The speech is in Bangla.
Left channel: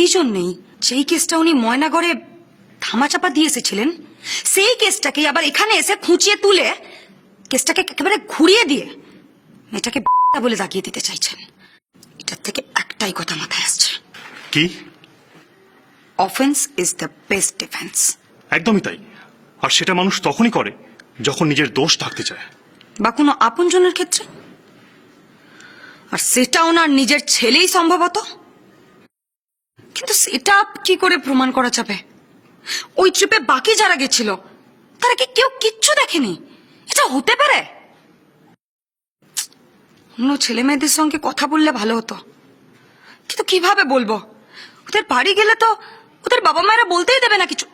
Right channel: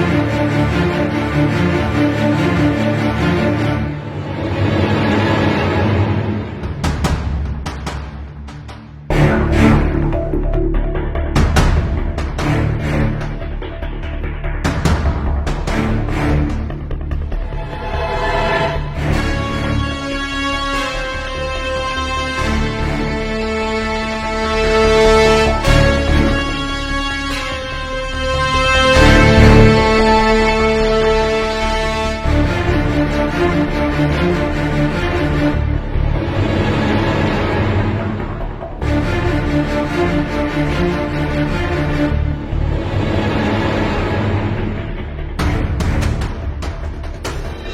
সেই জন্য যেই কেসটা উনি ময়নাগড়ে ধামাচাপা দিয়ে এসেছিলেন সেই কেসটাকে আবার এখানে এসে খুঁচিয়ে তুলে কেসটাকে একেবারে ঘুরিয়ে দিয়ে এটাকে বলে তাকিয়ে দিতে চাইছে। এটার থেকে একটাই কথা মাথায় আসছে, কি? Offence is the best defence. একদমই তাই। আর সেটা মানুষ তখনই করে যখন নিজের দোষ থাকতে চায়, বা কোনো আপনজনের ক্ষেত্রে। আর সেটা ওনার নিজের ছেলেই সম্ভবত। কিন্তু সেটা কি করে প্রমাণ করা যাবে? ওই ট্রিপে বাকি যারা গেছিল তারা কি কেউ কিচ্ছু দেখেনি? এটা হতে পারে? অন্য ছেলে মেয়েদের সঙ্গে কথা বললে ভালো হতো, কিন্তু কিভাবে বলবো? ওদের বাড়ি গেলে তো ওদের বাবা মায়েরা বলতেই দেবে না কিছু।